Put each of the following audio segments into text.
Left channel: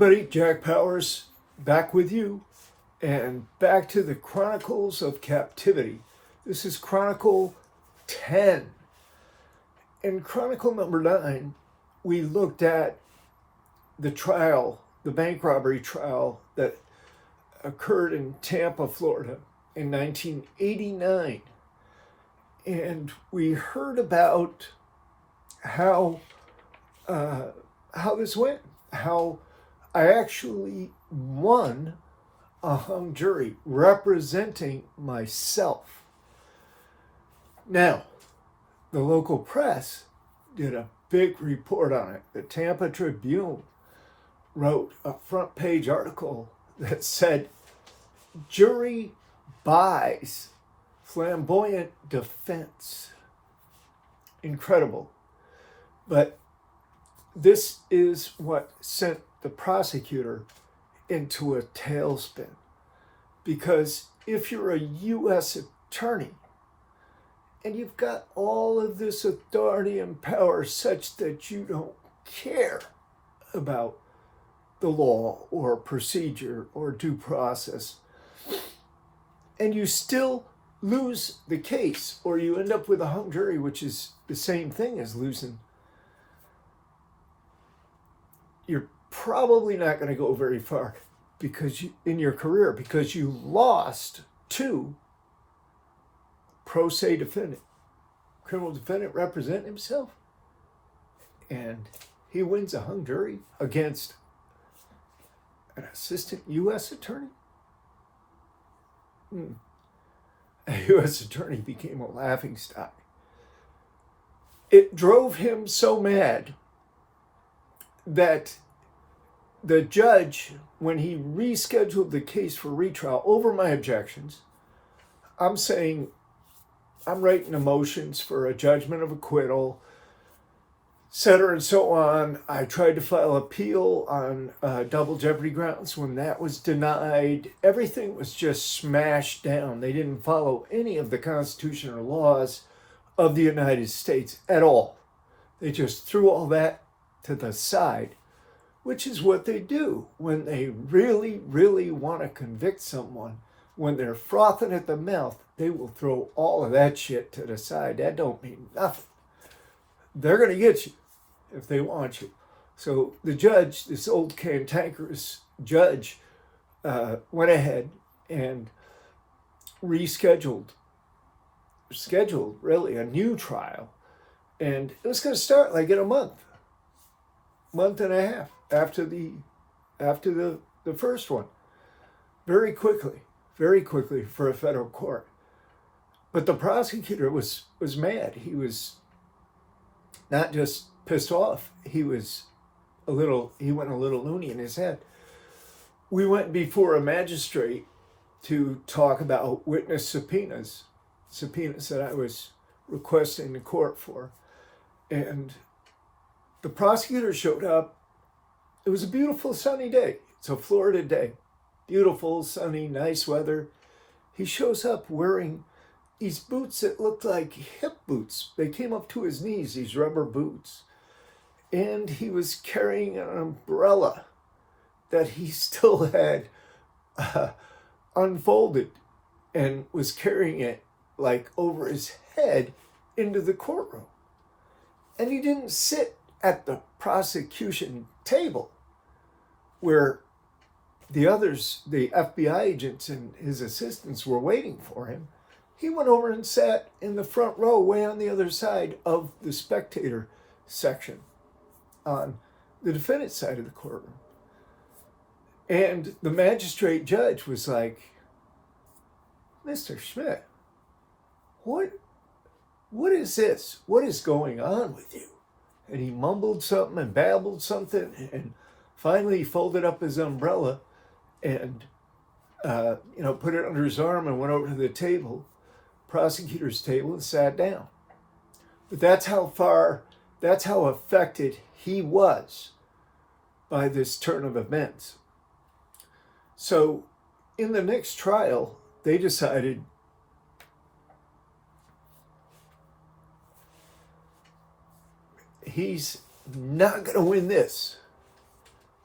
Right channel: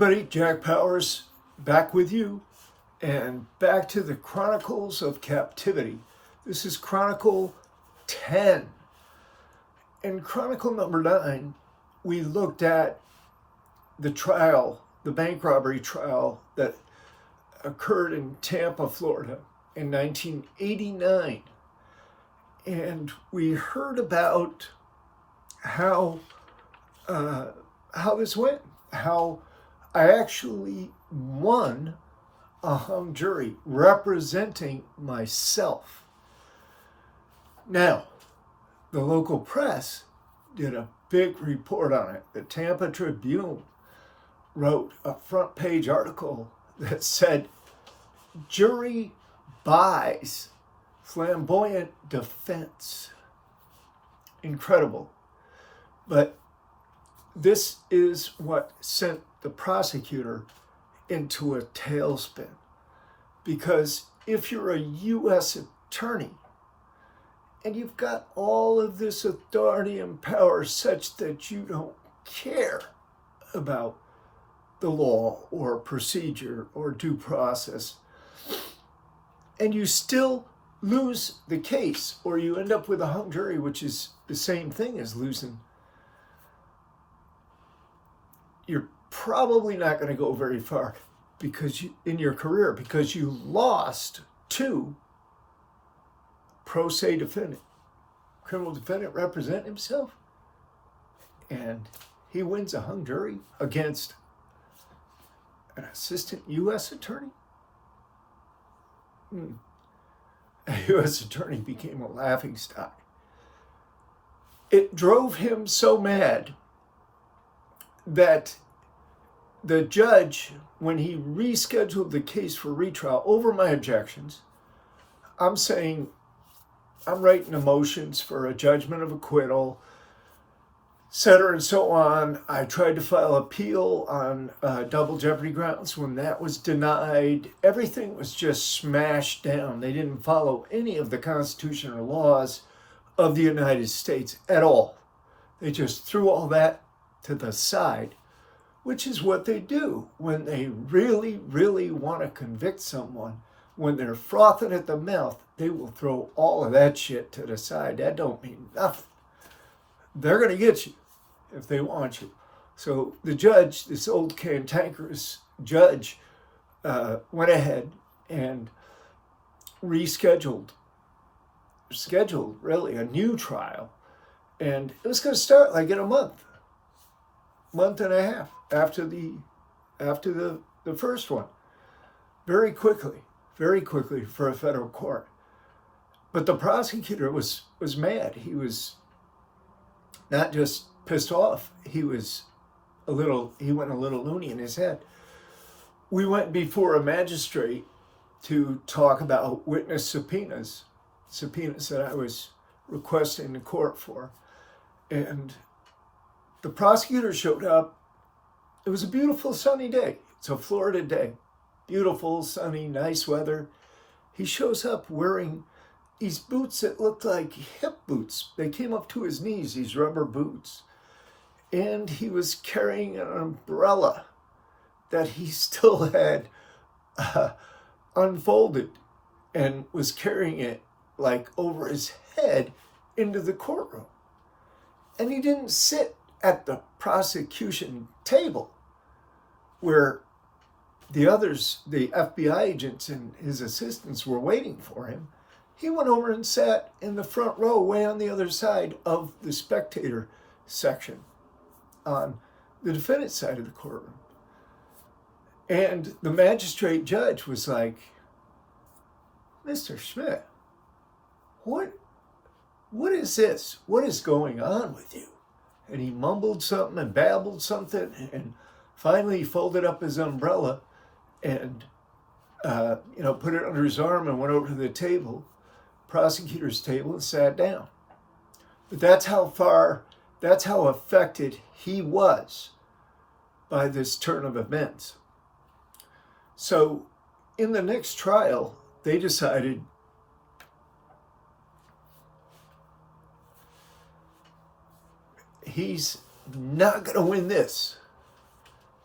everybody, Jack Powers back with you and back to the Chronicles of Captivity. This is Chronicle 10. In Chronicle number 9, we looked at the trial, the bank robbery trial that occurred in Tampa, Florida in 1989. And we heard about how this went, how I actually won a hung jury representing myself. Now, the local press did a big report on it. The Tampa Tribune wrote a front page article that said, "Jury buys flamboyant defense." Incredible. But this is what sent the prosecutor into a tailspin. Because if you're a U.S. attorney and you've got all of this authority and power such that you don't care about the law or procedure or due process, and you still lose the case, or you end up with a hung jury, which is the same thing as losing, you're probably not going to go very far in your career because you lost to pro se defendant, criminal defendant representing himself, and he wins a hung jury against an assistant U.S. attorney. A U.S. attorney became a laughingstock. It drove him so mad that the judge, when he rescheduled the case for retrial over my objections, I'm writing the motions for a judgment of acquittal, et cetera, and so on. I tried to file appeal on double jeopardy grounds. When that was denied, everything was just smashed down. They didn't follow any of the Constitution or laws of the United States at all. They just threw all that to the side, which is what they do when they really, really want to convict someone. When they're frothing at the mouth, they will throw all of that shit to the side. That don't mean nothing. They're going to get you if they want you. So the judge, this old cantankerous judge, went ahead and scheduled really a new trial. And it was going to start like in a month and a half after the first one. Very quickly for a federal court. But the prosecutor was mad. He was not just pissed off, he went a little loony in his head. We went before a magistrate to talk about witness subpoenas that I was requesting the court for. And the prosecutor showed up. It was a beautiful sunny day. It's a Florida day. Beautiful, sunny, nice weather. He shows up wearing these boots that looked like hip boots. They came up to his knees, these rubber boots. And he was carrying an umbrella that he still had unfolded and was carrying it like over his head into the courtroom. And he didn't sit at the prosecution table where the others, the FBI agents and his assistants were waiting for him. He went over and sat in the front row way on the other side of the spectator section on the defendant's side of the courtroom. And the magistrate judge was like, "Mr. Schmidt, what is this? What is going on with you?" And he mumbled something and babbled something, and finally he folded up his umbrella and put it under his arm and went over to the table, prosecutor's table, and sat down. But that's how affected he was by this turn of events. So in the next trial, they decided he's not going to win this.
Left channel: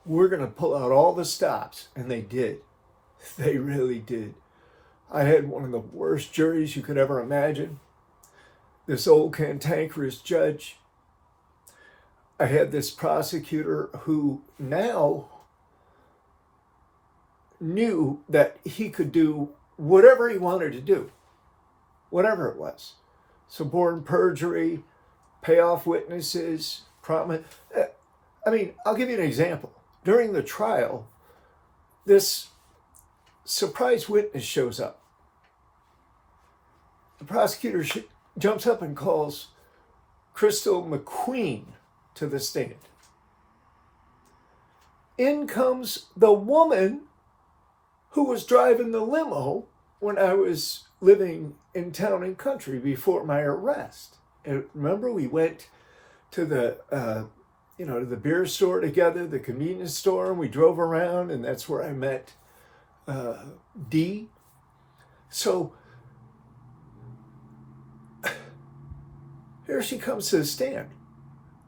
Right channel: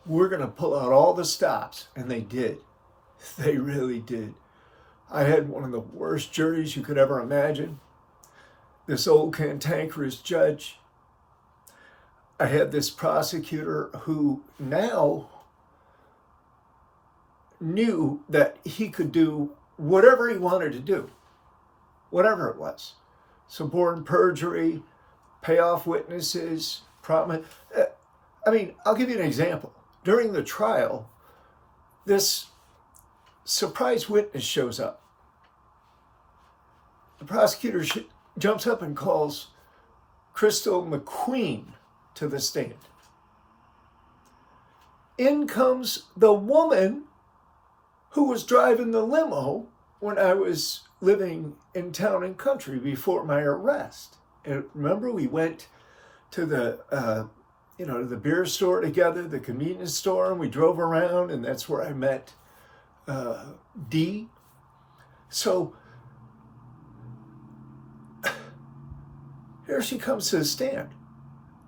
we're going to pull out all the stops. And they did. They really did. I had one of the worst juries you could ever imagine. This old cantankerous judge. I had this prosecutor who now knew that he could do whatever he wanted to do, whatever it was. Suborn perjury, pay off witnesses, promise. I mean, I'll give you an example. During the trial, this surprise witness shows up. The prosecutor jumps up and calls Crystal McQueen to the stand. In comes the woman who was driving the limo when I was living in Town and Country before my arrest. And remember, we went to the to the beer store together, the convenience store, and we drove around, and that's where I met Dee. So here she comes to the stand.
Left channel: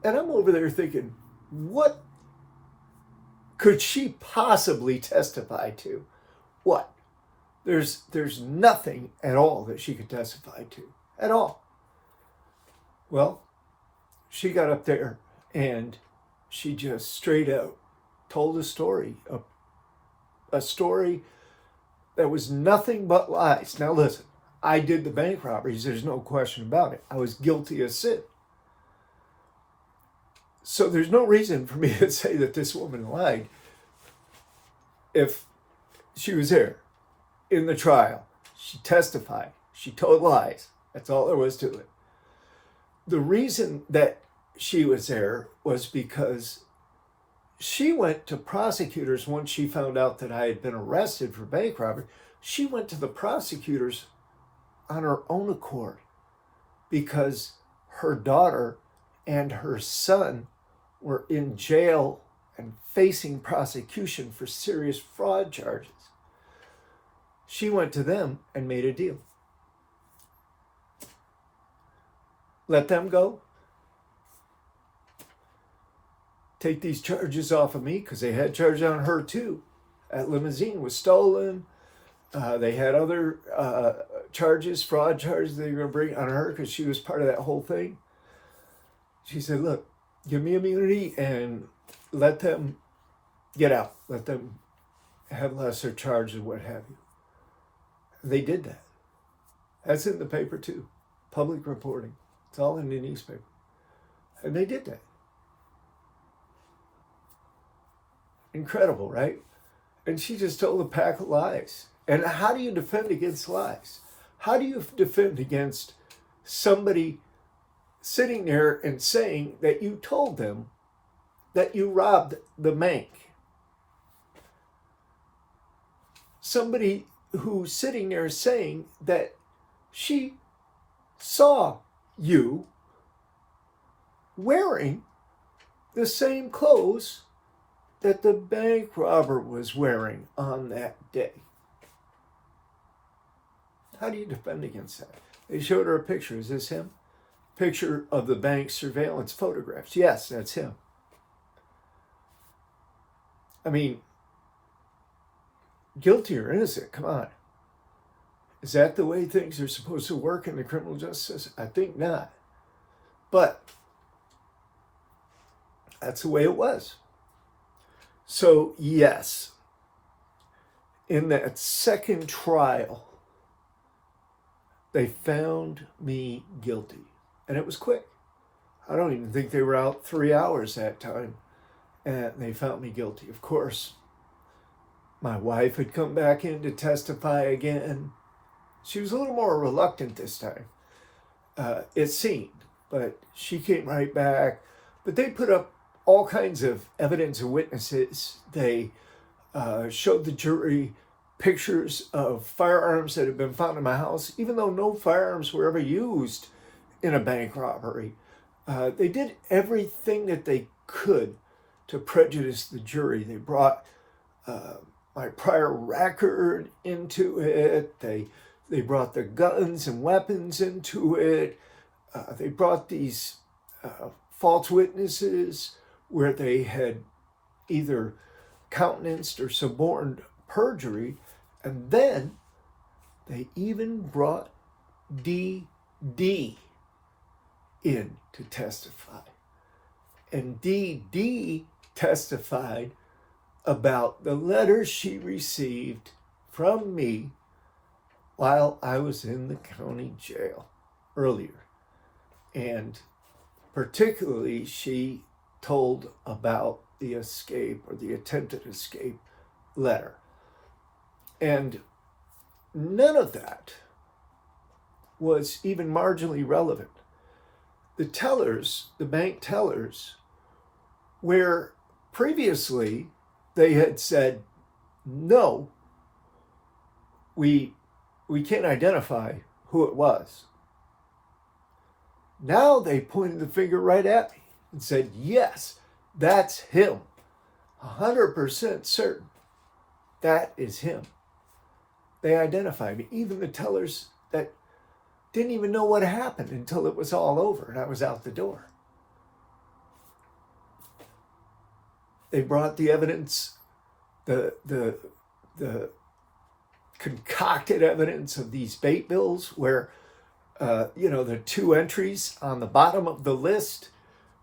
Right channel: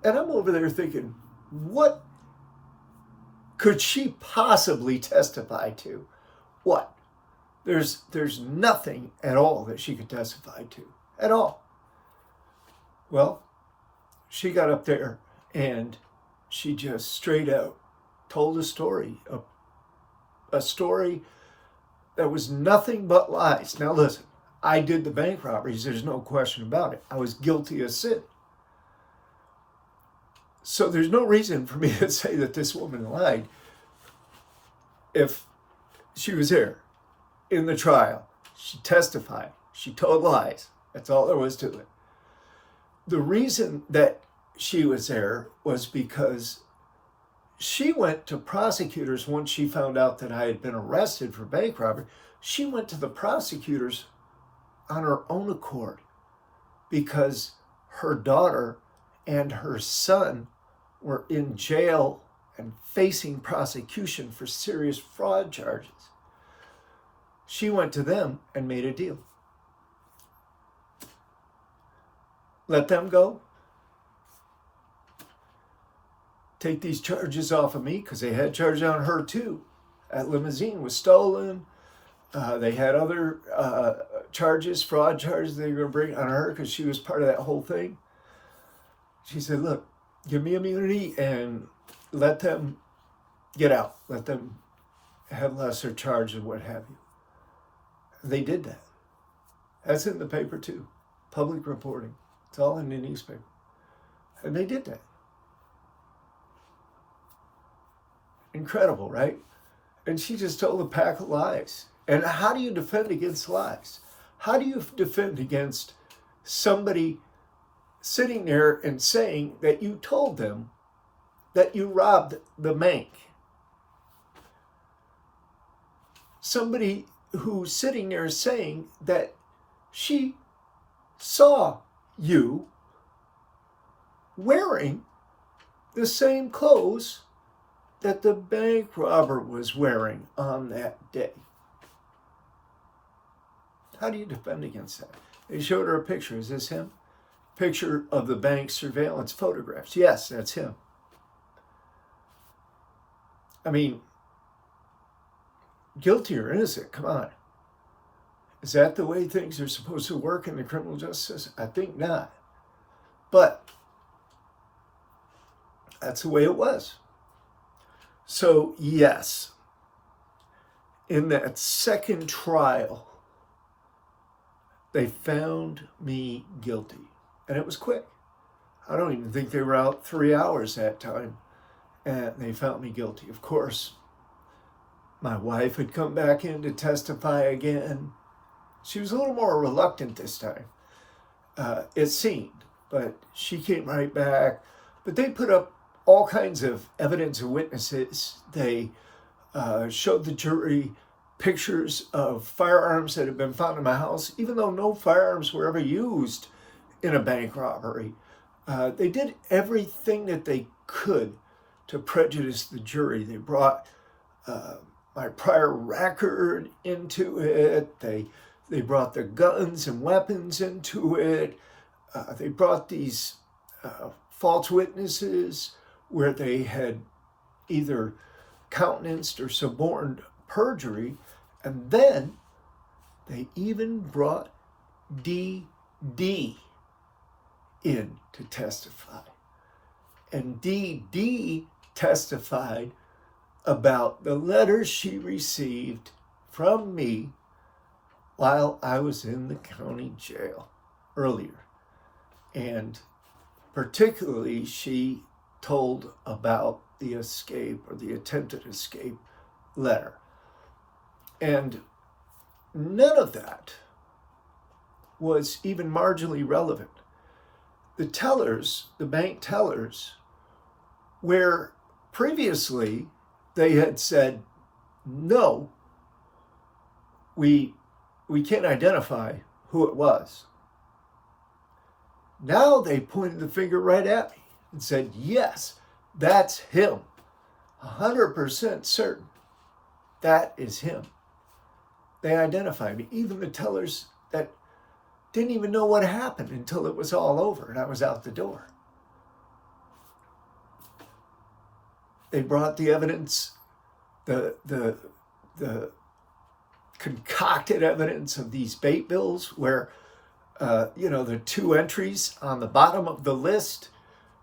And I'm over there thinking, what could she possibly testify to? What? There's nothing at all that she could testify to, at all. Well, she got up there and she just straight out told a story that was nothing but lies. Now listen, I did the bank robberies, there's no question about it. I was guilty of sin. So there's no reason for me to say that this woman lied if she was there in the trial. She testified. She told lies. That's all there was to it. The reason that she was there was because she went to prosecutors once she found out that I had been arrested for bank robbery. She went to the prosecutors on her own accord because her daughter and her son were in jail and facing prosecution for serious fraud charges. She went to them and made a deal. Let them go. Take these charges off of me, because they had charges on her too. That limousine was stolen. They had other charges, fraud charges they were going to bring on her because she was part of that whole thing. She said, look, give me immunity and let them get out. Let them have lesser charges, what have you. They did that. That's in the paper too. Public reporting. It's all in the newspaper. And they did that. Incredible, right? And she just told a pack of lies. And how do you defend against lies? How do you defend against somebody sitting there and saying that you told them that you robbed the bank? Somebody who's sitting there saying that she saw you wearing the same clothes that the bank robber was wearing on that day. How do you defend against that? They showed her a picture. Is this him? Picture of the bank surveillance photographs. Yes, that's him. I mean, guilty or innocent, come on. Is that the way things are supposed to work in the criminal justice system? I think not. But that's the way it was. So, yes, in that second trial, they found me guilty. And it was quick. I don't even think they were out 3 hours that time. And they found me guilty. Of course, my wife had come back in to testify again. She was a little more reluctant this time, it seemed. But she came right back. But they put up all kinds of evidence and witnesses. They showed the jury pictures of firearms that had been found in my house, even though no firearms were ever used in a bank robbery. They did everything that they could to prejudice the jury. They brought my prior record into it. They brought the guns and weapons into it. They brought these false witnesses where they had either countenanced or suborned perjury. And then they even brought D.D. in to testify. And D.D. testified about the letters she received from me while I was in the county jail earlier. And particularly, she told about the escape or the attempted escape letter. And none of that was even marginally relevant. The tellers, the bank tellers, where previously they had said, no, we can't identify who it was. Now they pointed the finger right at me and said, yes, that's him. 100% certain that is him. They identified me. Even the tellers that didn't even know what happened until it was all over and I was out the door. They brought the evidence, the concocted evidence of these bait bills where, the two entries on the bottom of the list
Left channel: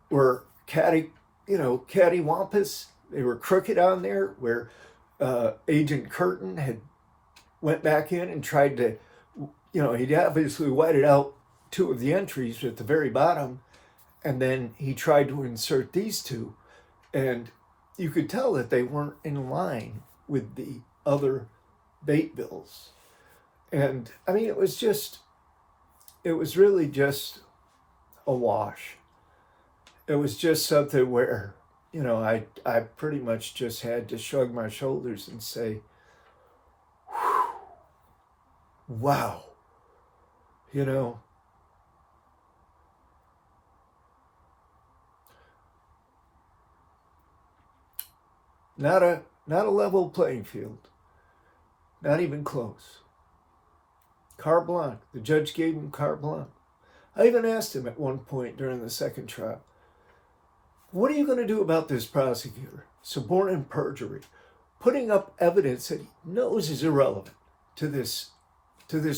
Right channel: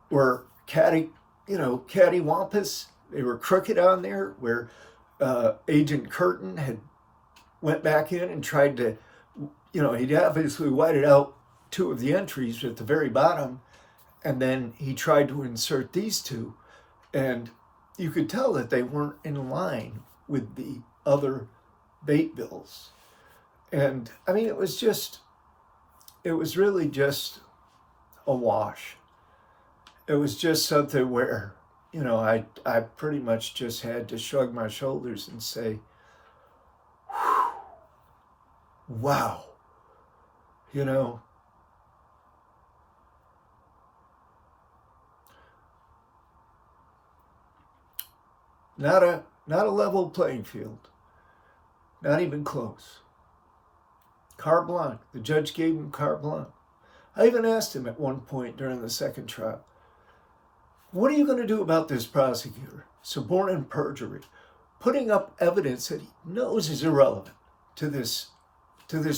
were cattywampus. They were crooked on there, where Agent Curtin had went back in and tried to, he'd obviously whited out two of the entries at the very bottom, and then he tried to insert these two, and you could tell that they weren't in line with the other bait bills. And I mean, it was really just a wash. It was just something where, I pretty much just had to shrug my shoulders and say, wow, not a level playing field, not even close. Carte blanche. The judge gave him carte blanche. I even asked him at one point during the second trial, what are you going to do about this prosecutor? Suborning perjury, putting up evidence that he knows is irrelevant to this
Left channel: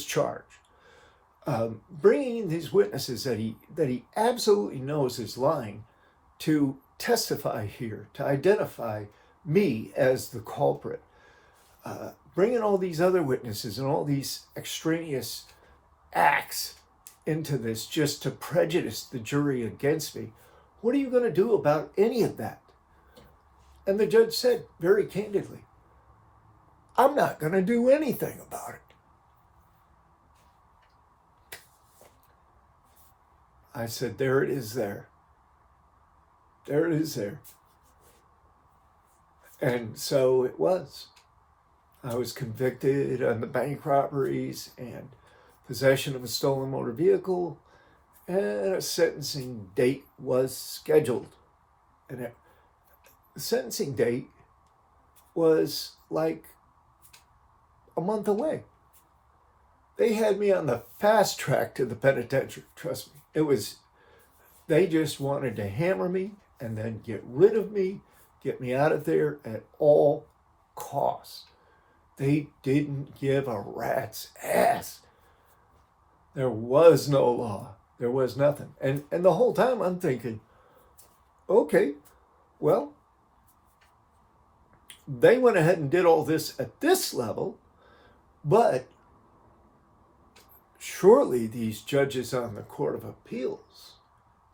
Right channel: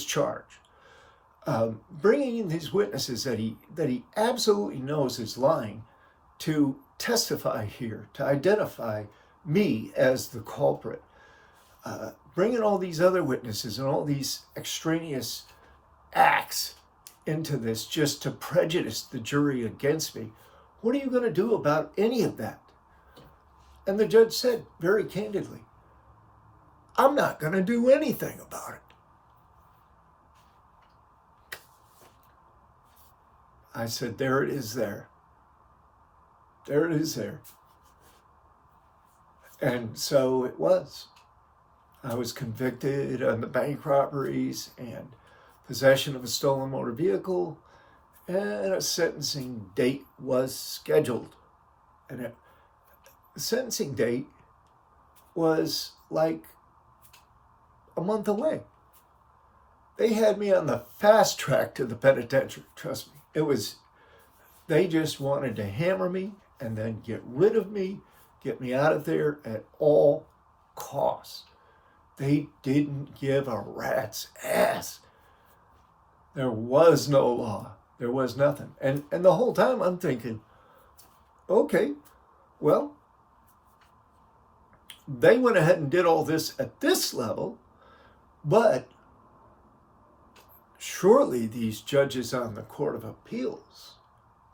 charge, bringing in these witnesses that he absolutely knows is lying to testify here, to identify me as the culprit, bringing all these other witnesses and all these extraneous acts into this just to prejudice the jury against me. What are you going to do about any of that? And the judge said very candidly, I'm not going to do anything about it. I said, there it is there. There it is there. And so it was. I was convicted on the bank robberies and possession of a stolen motor vehicle, and a sentencing date was scheduled. And the sentencing date was like a month away. They had me on the fast track to the penitentiary, trust me. They just wanted to hammer me and then get rid of me, get me out of there at all costs. They didn't give a rat's ass. There was no law. There was nothing. And the whole time I'm thinking, okay, well, they went ahead and did all this at this level, but surely these judges on the Court of Appeals,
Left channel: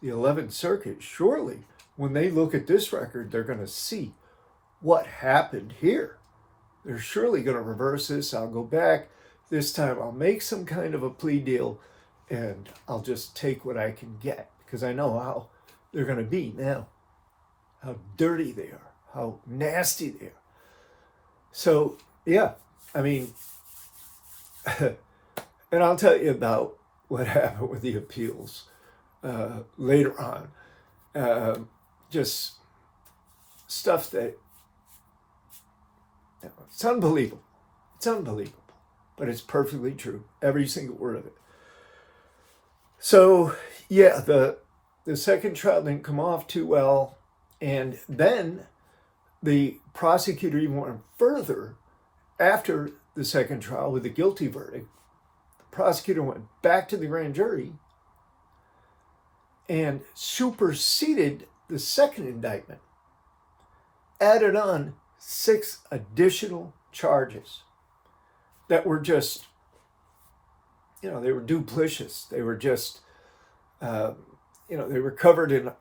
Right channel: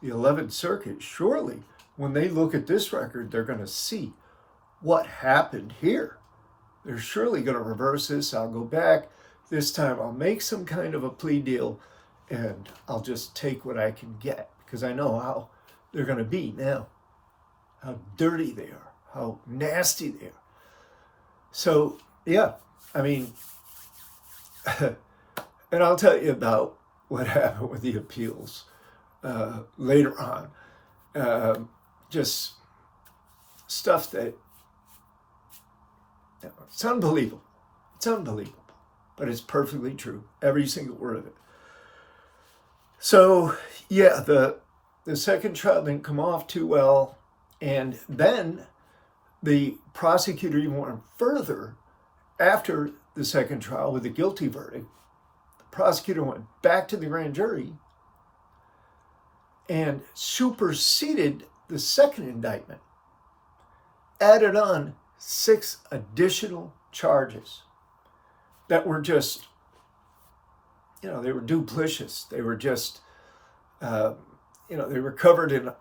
the 11th Circuit, surely when they look at this record, they're going to see what happened here. They're surely going to reverse this. I'll go back. This time I'll make some kind of a plea deal and I'll just take what I can get because I know how they're going to be now, how dirty they are, how nasty they are. So, yeah, I mean, and I'll tell you about what happened with the appeals later on. Just stuff that, it's unbelievable. It's unbelievable, but it's perfectly true. Every single word of it. So, yeah, the second trial didn't come off too well. And then the prosecutor even went further after the second trial with a guilty verdict. The prosecutor went back to the grand jury and superseded the second indictment, added on 6 additional charges that were just, they were duplicitous. They were just, they were covered in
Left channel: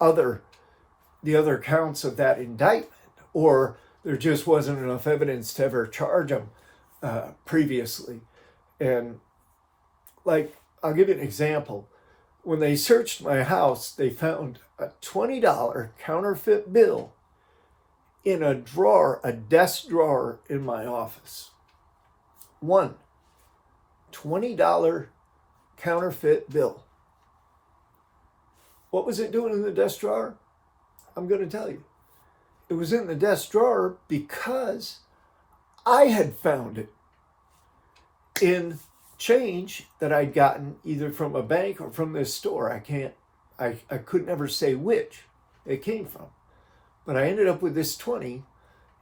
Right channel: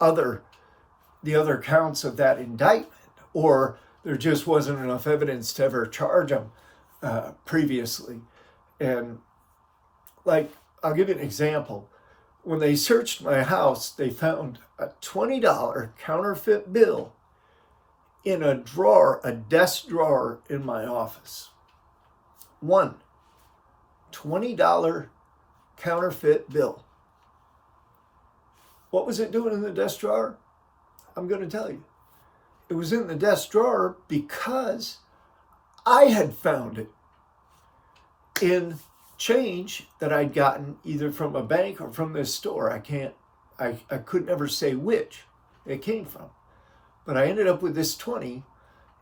the other counts of that indictment, or there just wasn't enough evidence to ever charge them previously. And I'll give you an example. When they searched my house, they found a $20 counterfeit bill in a drawer, a desk drawer in my office. One $20 counterfeit bill. What was it doing in the desk drawer? I'm going to tell you. It was in the desk drawer because I had found it in change that I'd gotten either from a bank or from this store. I could never say which it came from. But I ended up with this 20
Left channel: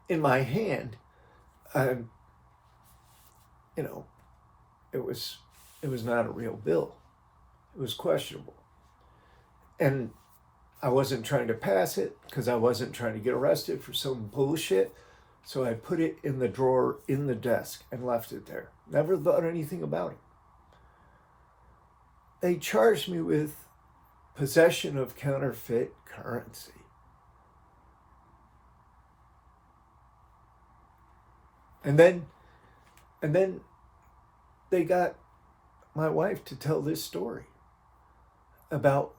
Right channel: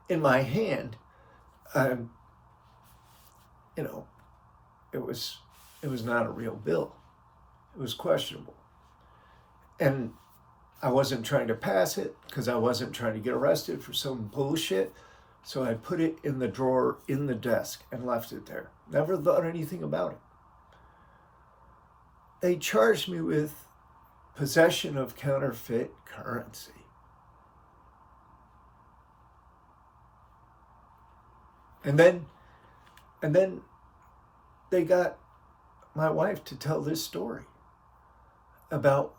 in my hand. It was not a real bill. It was questionable. And I wasn't trying to pass it because I wasn't trying to get arrested for some bullshit. So I put it in the drawer in the desk and left it there. Never thought anything about it. They charged me with possession of counterfeit currency. And then they got my wife to tell this story about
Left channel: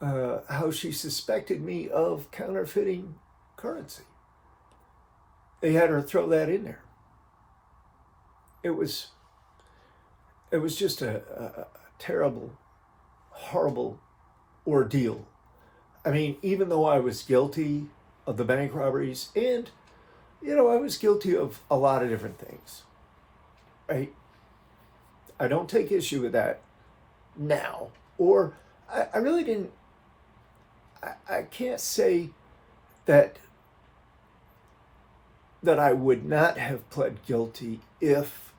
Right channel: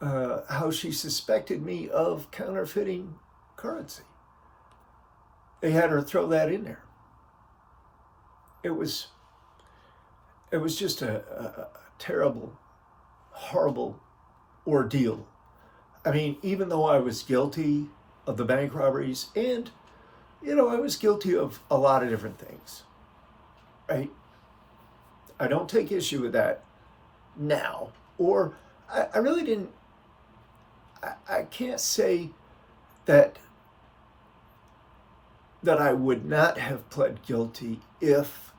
how she suspected me of counterfeiting currency. They had her throw that in there. It was just a terrible, horrible ordeal. I mean, even though I was guilty of the bank robberies and, I was guilty of a lot of different things, right? I don't take issue with that now. Or I really didn't, I can't say that I would not have pled guilty if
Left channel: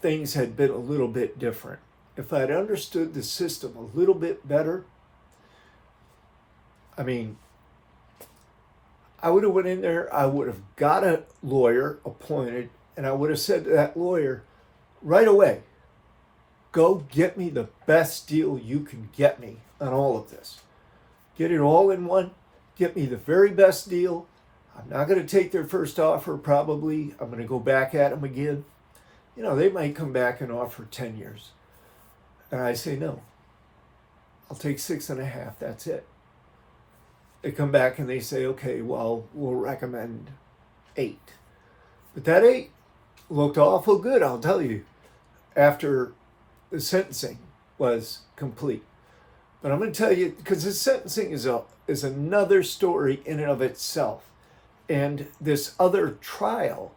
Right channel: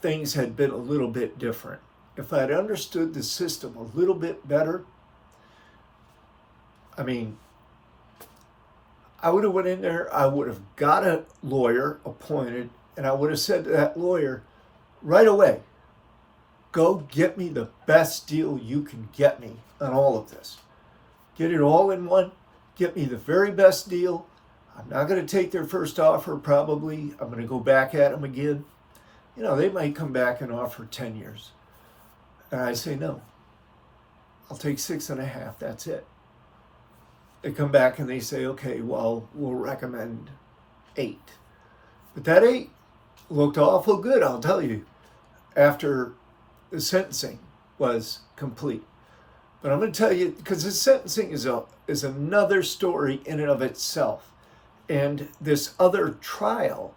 things had been a little bit different. If I'd understood the system a little bit better, I would have went in there, I would have got a lawyer appointed, and I would have said to that lawyer right away, go get me the best deal you can get me on all of this. Get it all in one, get me the very best deal. I'm not going to take their first offer, probably. I'm going to go back at them again. They might come back and offer 10 years. And I say, no, I'll take 6.5, that's it. They come back and they say, okay, well, we'll recommend 8. But that 8 looked awful good, I'll tell you, after the sentencing was complete. But I'm going to tell you, because the sentencing is another story in and of itself. And this other trial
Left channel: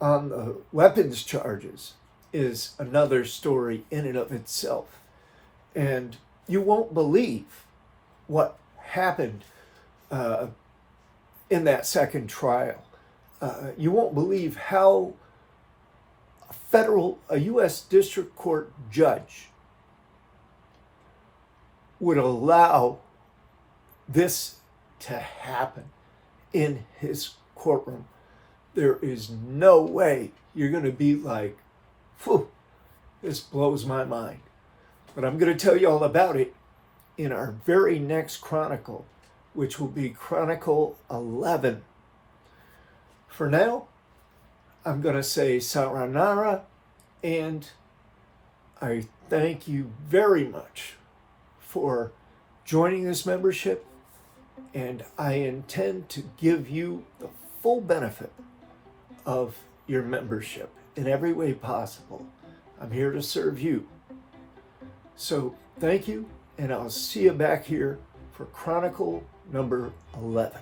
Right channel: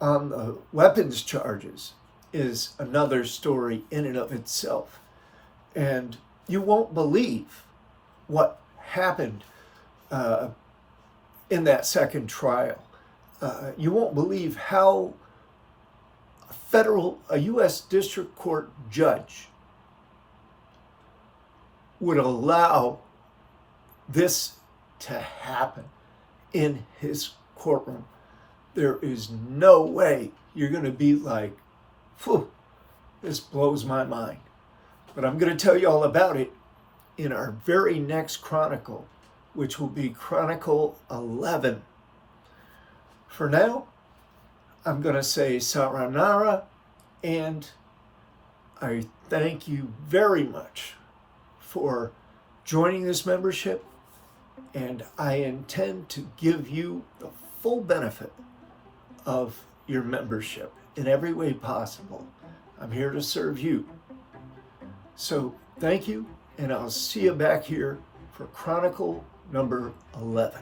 on the weapons charges is another story in and of itself. And you won't believe what happened in that second trial. You won't believe how a U.S. District Court judge would allow this to happen in his courtroom. There is no way you're going to be like, phew, this blows my mind. But I'm going to tell you all about it in our very next Chronicle, which will be Chronicle 11. For now, I'm going to say Saranara, and I thank you very much for joining this membership, and I intend to give you the full benefit of your membership in every way possible. I'm here to serve you. So thank you, and I'll see you back here for Chronicle number 11.